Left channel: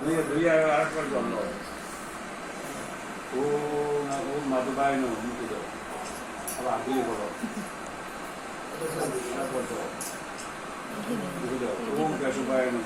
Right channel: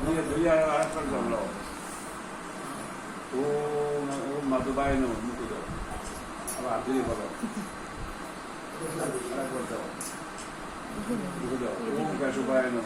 ধুয়ে ধুয়ে আরেকবার করলো ওম ওম মাধুবাই নো মুখে দাও আবার ধুয়ে করো মুখে দাও ওম কেশবায় নো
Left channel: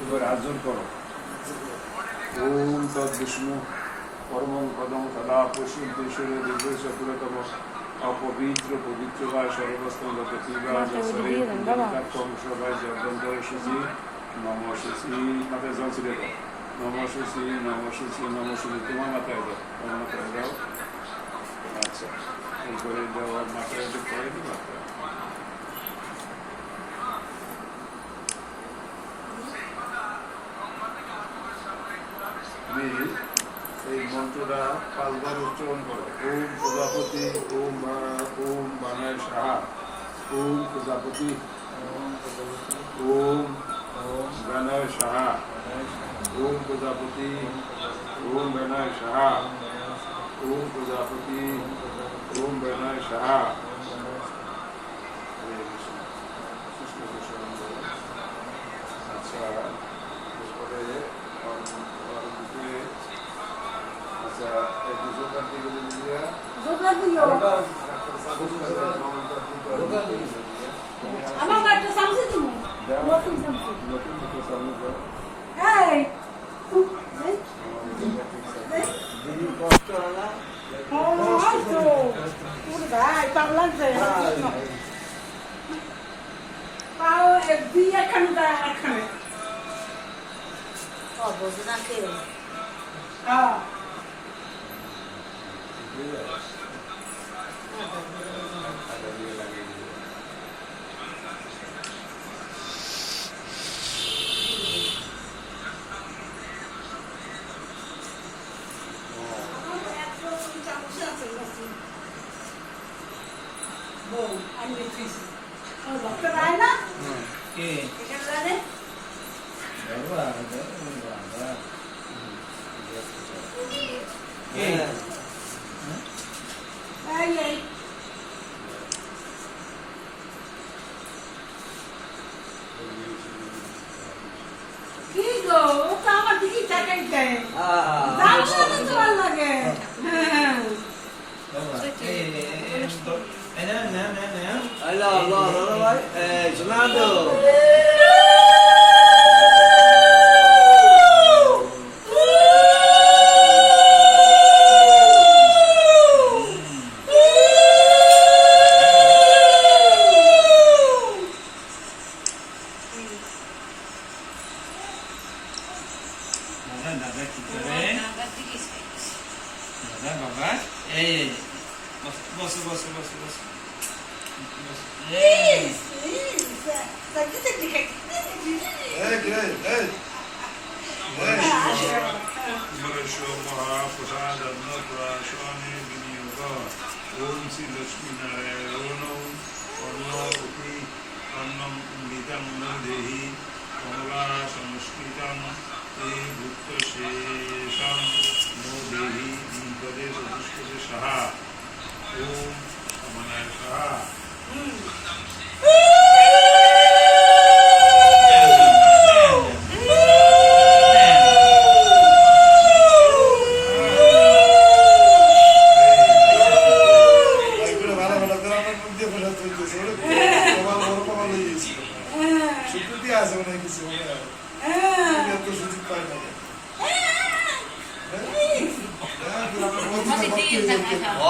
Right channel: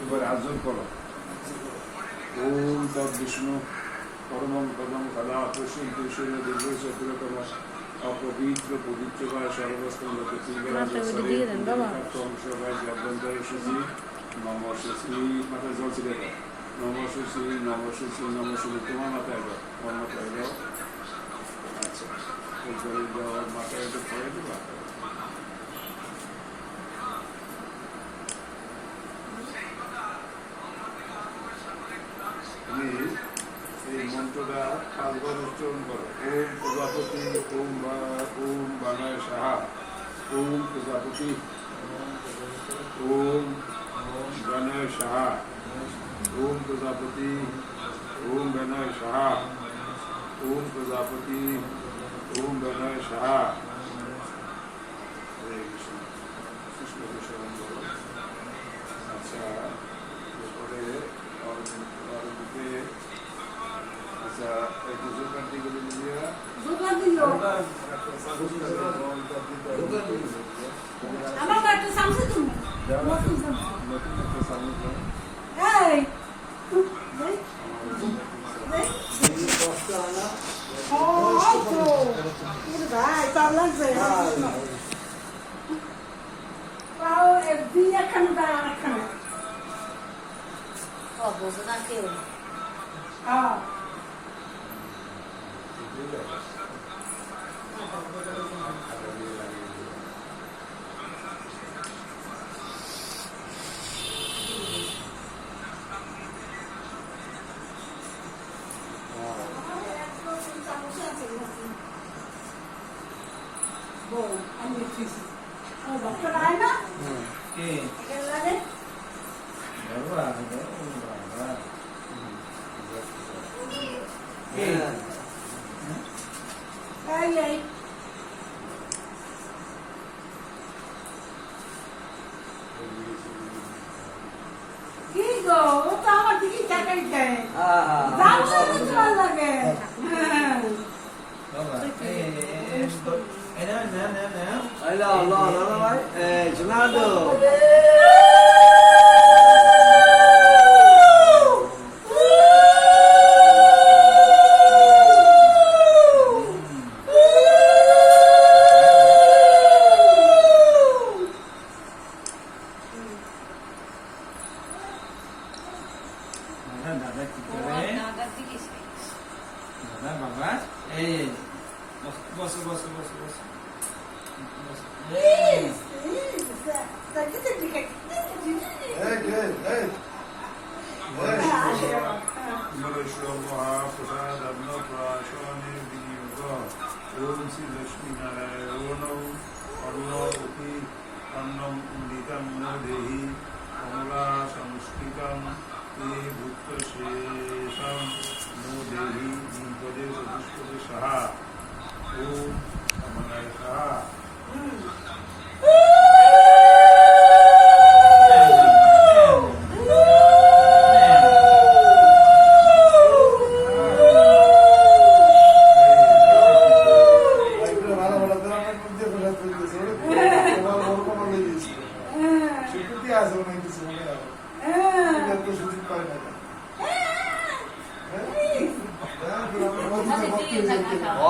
এবার আর্জন করো ওম তৎ বিষ্ণু পরমং পদং সদা পশ্চিম পুরুষের দিব্য চতুরতম অপবিত্র পবিত্র বা সর্বস্তঙ্গ পৃথিবীর সবাই জগন্তর সুচি নম সুচি মাথায় জল ছিঁড়ে দাও নম সুচি নম সুচি নম সুচি তোমার মাথায় দাও তোমার মাথায় দাও আচ্ছা এরপরে দেওয়ার মাথায় একটু পরে দিবা এই মন্ত্রটা 5 বার উচ্চারণ করো ওম প্রজাপতি ওম ওম বানায় সাহা ওম প্রজাপতি ওম বানায় সাহা ওম প্রজাপতি ওম বানায় সাহা ওম প্রজাপতি ওম বানায় সাহা কৃষ্ণ কৃষ্ণ আচ্ছা এরপরে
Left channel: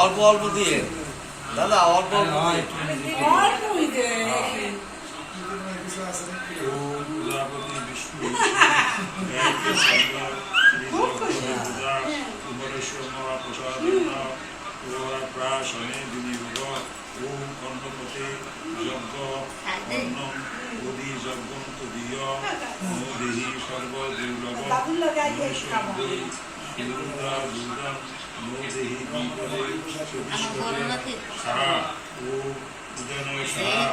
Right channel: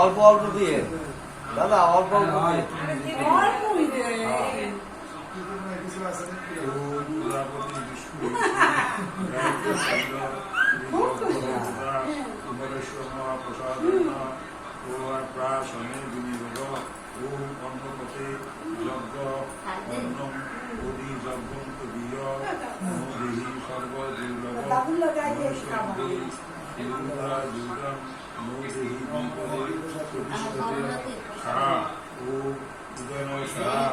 অল্প অল্প দিয়ে দাদা অল্প অল্প প্রাশনে বিনিয়োগ ওম অন্নপতে যজ্ঞ অন্নম অধি যজ্ঞম তদীয় দেহি সর্বদুর্লভ দুর্গা দুর্গম নো দেহি দীপদে চতুষ্পদে সাহা ও উদয়ন সাহা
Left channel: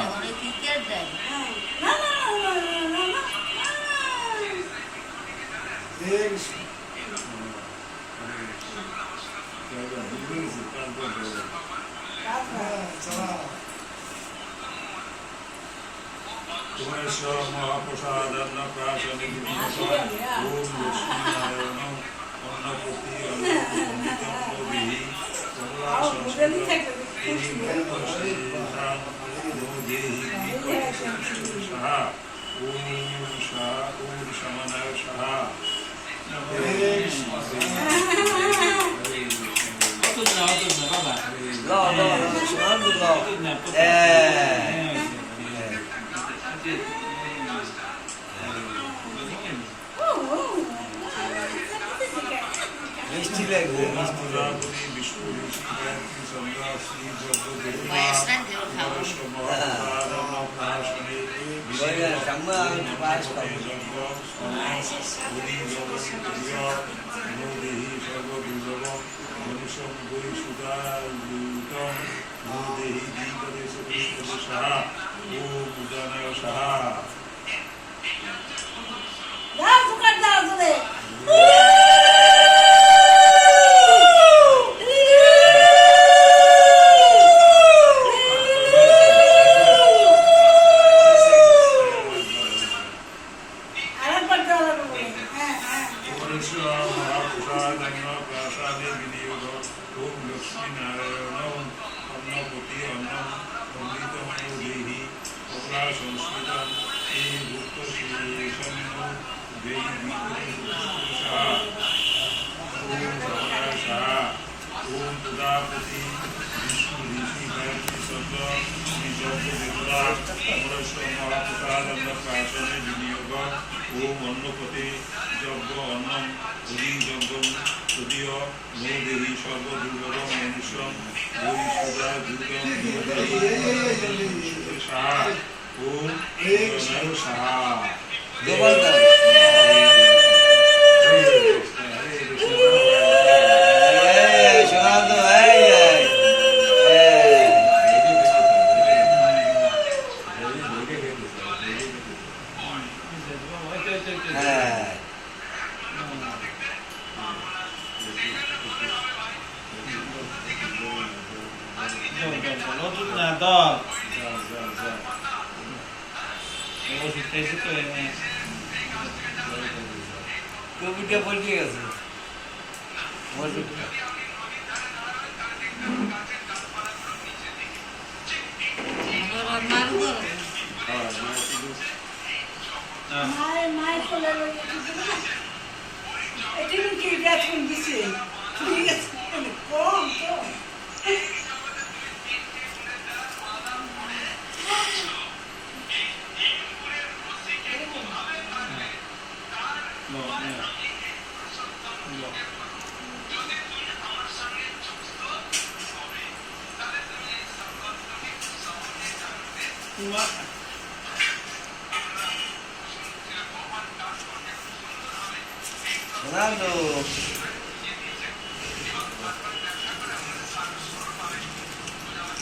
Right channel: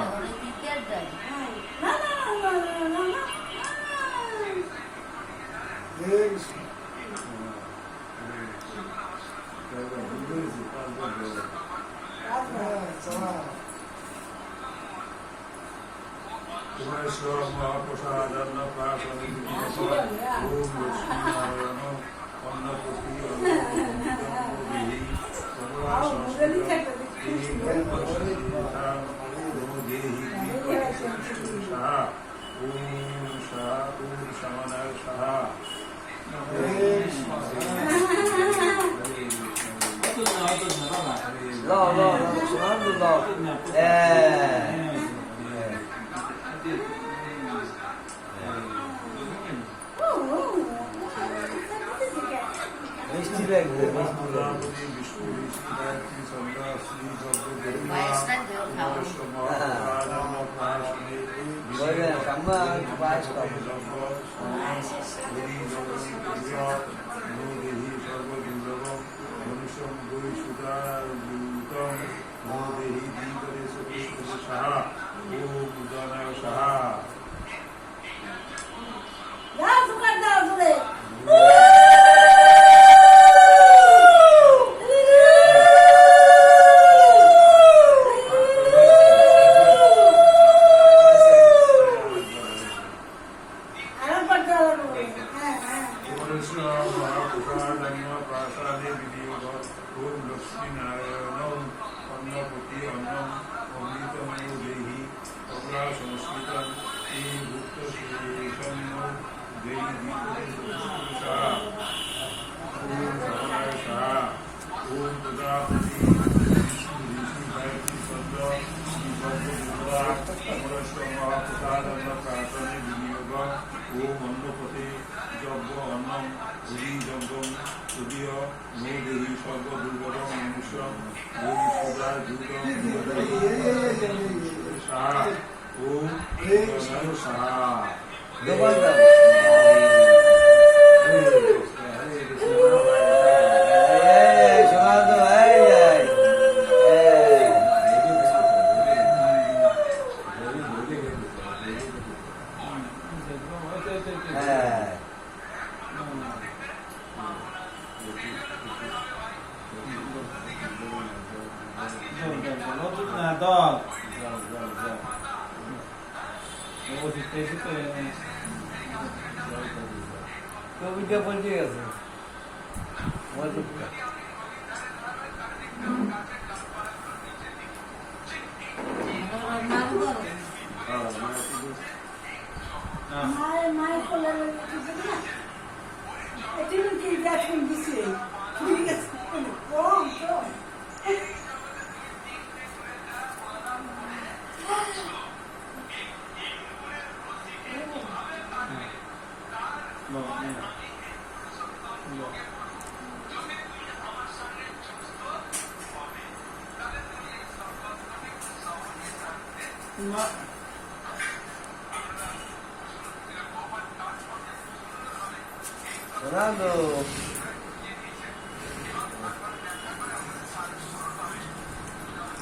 কুমারেশ্বর মহাপ্রসাদ মহাপ্রসাদান্ন প্রাশনে বিনিয়োগ ওম লক্ষ্মীনারায়ণ অন্নপতি অন্নপতি দেহি কমলা সংস্কৃত এই ভক্তশ্রীশান দেহি সাহা ওম সাহা ওম সমানায় সাহা মিষ্টি লাগবে প্রজাপতি বিষ্ণু ঋষি গায়ত্রী চন্দ্রা শ্রী যজ্ঞ দেবীমা কুমারেশ্ব মহাপ্রসাদান্ন প্রাশনে দেহি সর্বদুর্লভ মনীষম বৈ সুদায়ুতম দেহি দ্বিপদে চতুষ্পদে সাহা ওম উদানায় সাহা মহাপ্রসাদান্ন প্রাশনে বিনিয়োগ ওম লক্ষ্মীনারায়ণ অন্নপতি অন্নম অমৃতম দেহি কমলা সংস্কৃত এই ভুক্ত শ্রীসন্ন দেহি দ্বিপদে সাহা ওম সমানায় সাহা ওম প্রজাপতি বিষ্ণু ঋষি গায়ত্রী চন্দ্র শ্রী যজ্ঞ দেবতা কুমারেশ্ব মহাপ্রসাদান্ন প্রাশনে বিনিয়োগ ওম অন্নপতি যজ্ঞ অন্নম হরি যজ্ঞম তদীয় নো দেহি সর্বদুর্গম মনুষ্য বৈ সুদা দুর্গম সাহা ওম সাহা কবিতা পড়তে গেছে মায়ের কোলে এটি কি দেখুন দিছে ঠিক আছে কম তো Fernando.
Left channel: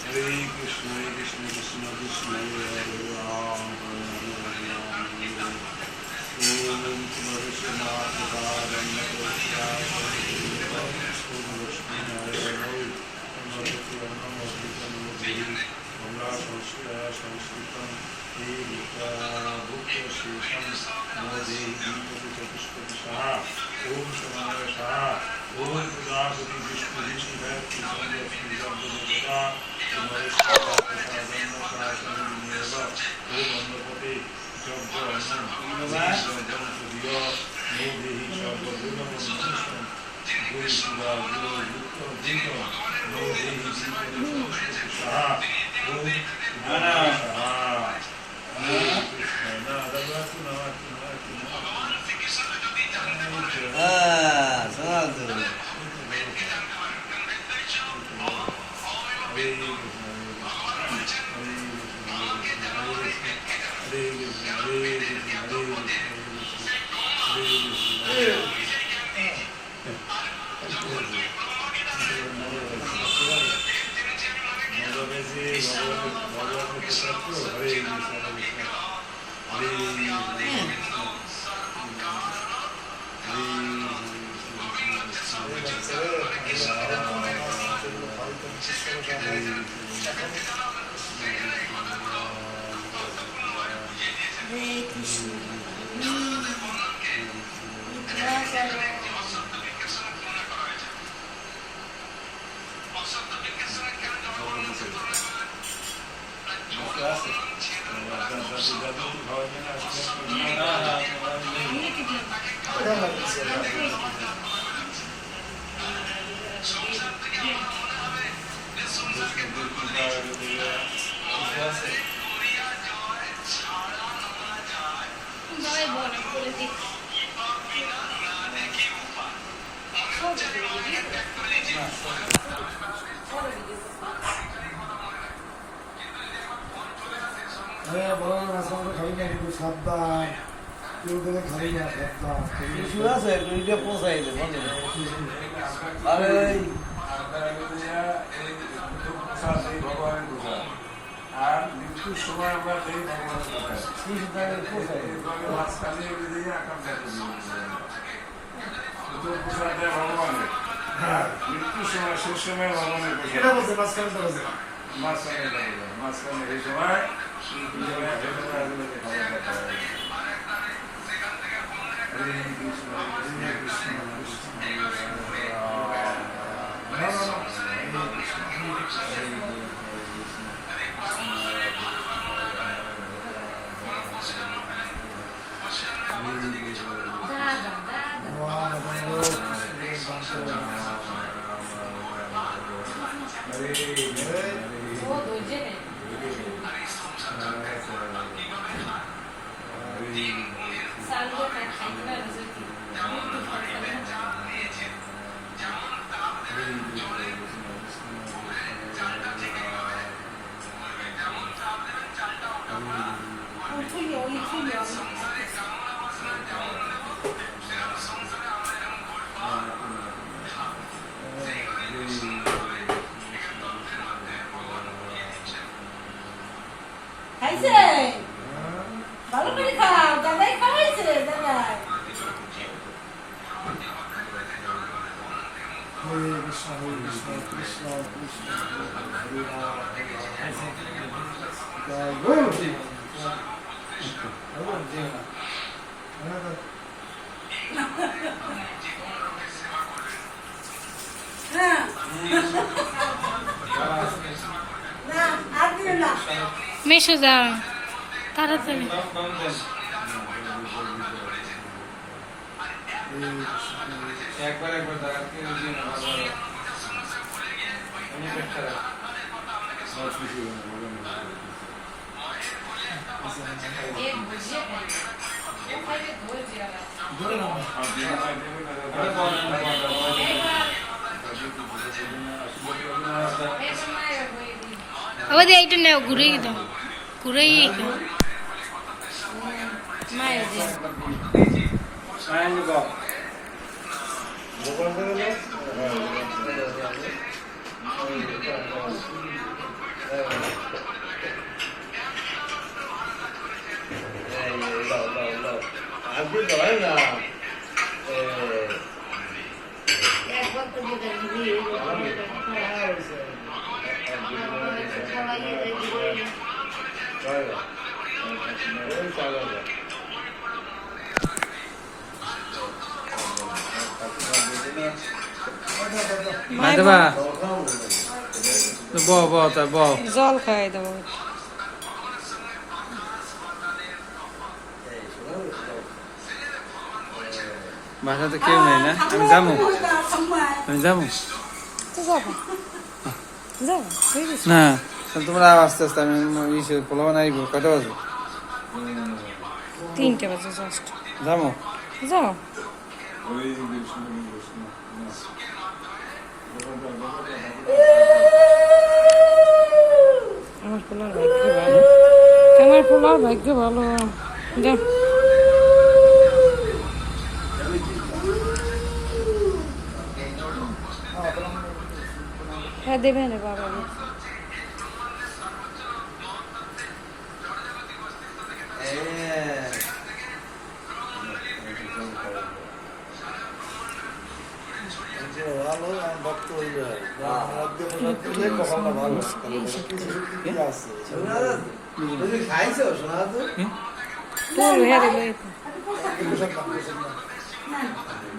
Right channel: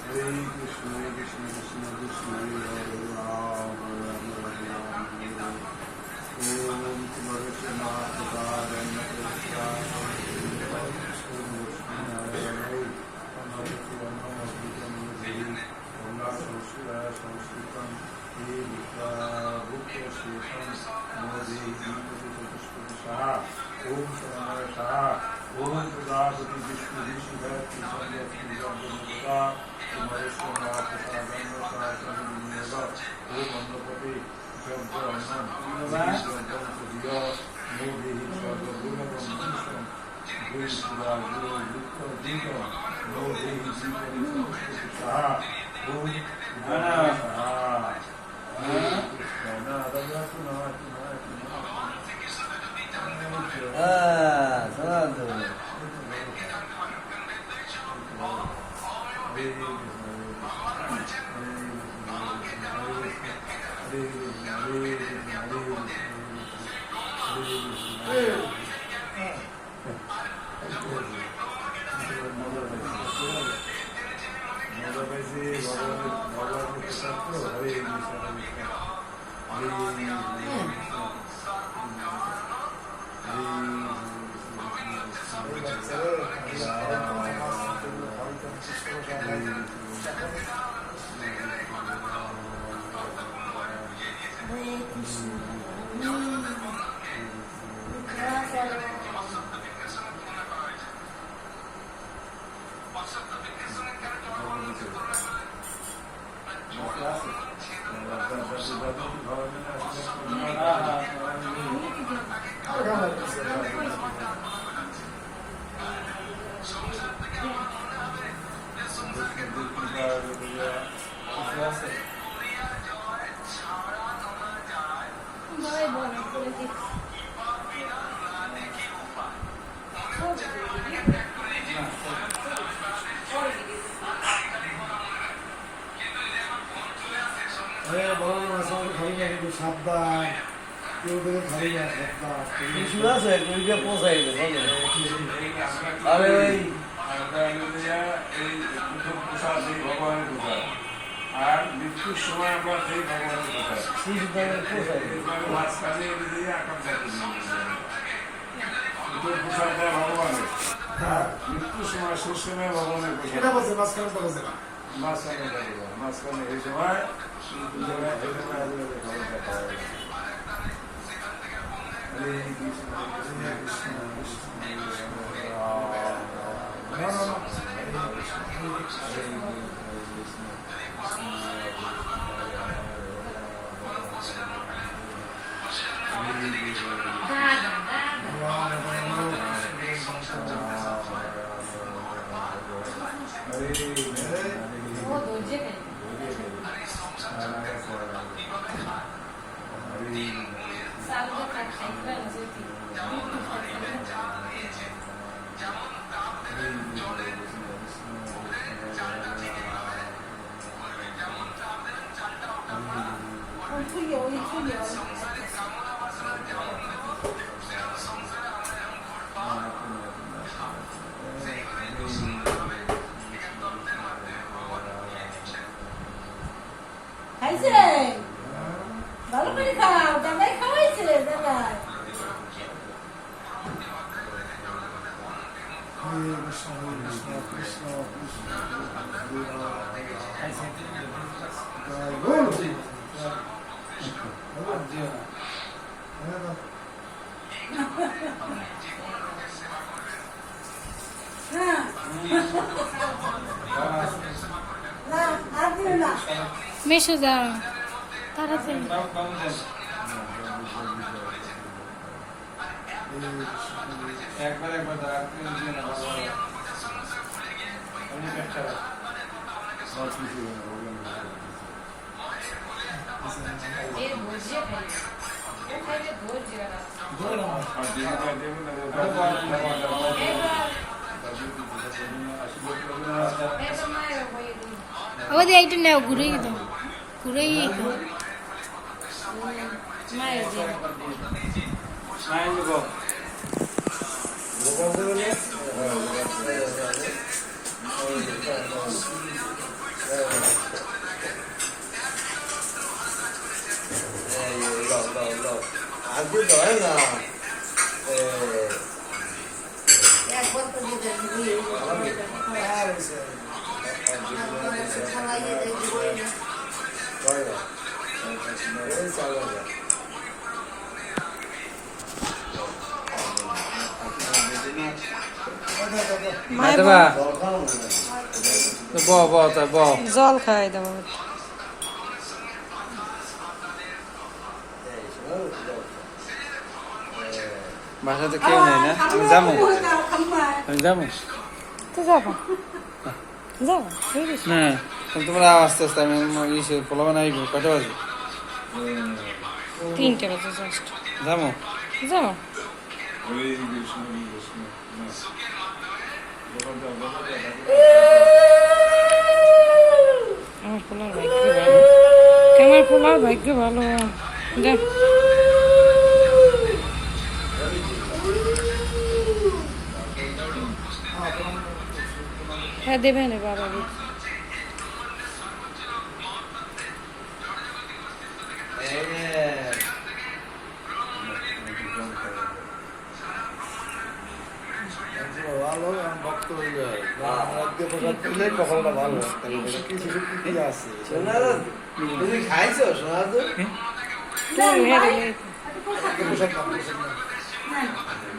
Hare Krishna, Krishna Krishna, Krishna Hare Ram, Om Kumaresha Mahaprabhadanna Prasada Om Lakshmi Narayana Annapati Annamavritam Dehi Kamla Sanskritam He Bhukta Shesham Nade Deepati Chatushpati Saha Om Samanaya Saha Om Prajapati Vishnu Rishi Bhakti Sandhya Sri Jagdadevata Kumaresha Mahaprabhadanna Prasada Viniyava Om Annapati Jagda Annam Jagdam Sudhiya No Dehi Sharva Gunam Manisham Gui Sudha Guru Yukta Dinam No Dehi Deepati Chatushpati Saha Om Samanaya Saha Hare Krishna Fernando. হরে কৃষ্ণ ভাই বলে করে দিই বড় মাছ আমাকে খাবি না কিন্তু সাবধান কেউ থেকে খাবি না সাবধান কিছু আছে দুইটা পোষাই আরে আর মৃত্যুর সময় আমরা সেই ভগবানের কথা মাঝখানে আকাম ভগবানের মৃত্যুর সময় শেষ সময় ভগবানের এটা বলছে মাঝখানে তো বলছে মাঝখানে এই সময় হরে কৃষ্ণ কৃষ্ণ কৃষ্ণ ও দোজে নেই সালু কা খাইবা নজতি খাইছে ভালো করে খাও দাদাই খাওয়াইছে দাদাই হরে কৃষ্ণ কৃষ্ণ কৃষ্ণ হরে হ্যাঁ না আর দিও না মেশো যাও তাড়াতাড়ি একবার একবার দাঁড়াতে দিয়ে না ভালো আমি একটা এ বুঝে ও খাইবে ধৈর্য লাগা ধরে নাও এটা মায়ের হয়ে দিই আবার এইটা নাও ঘুরে দাও ঘুরেই দাও মায়ের দাও নাইন গো ভগবান বলে আজকে হয় না একবার তো দিতে দিই হ্যাঁ হয়েছে খাওয়াইয়ে দেই জল খাই দেবো বাসাতে কেউ নেই না আমি যাবো আমি যাবো তো যাবো যাবো হয়ে গেছে না তোমরা আস্তে আস্তে আমি ইসে পোলাও নাইব কত বাজে 3টে বাজে জাস্ট যাবো যাও হরে কৃষ্ণ কৃষ্ণ আমার পোলার ভাগ্য ভালো আমার পোলার ভাগ্য ভালো দেখ হ্যাঁ দেবে না বাবা ভালো ভক্ত হইবে কখনো ভালো কিছু আছে তুমি খাইছো শোনা তো তুল হেরে নেই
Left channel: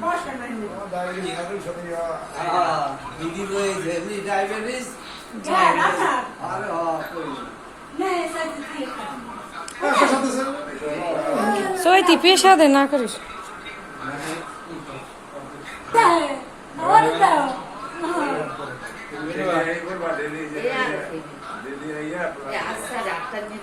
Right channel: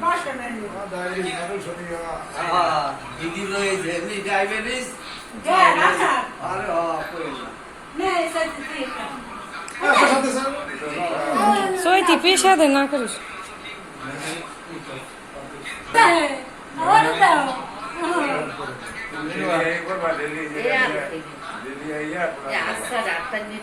বাসা নাই ডায়াবেটিস মানুষ আমি দিদি রয়েছে এমনি ডায়াবেটিস হ্যাঁ রাখা আরে কই নে সাথে দিয়ে সাথে সাথে সইতি পেশা দে না করিস হ্যাঁ আর দাও ডেলি এই করবা ডেলি আচ্ছা ডাক্তার নিয়ে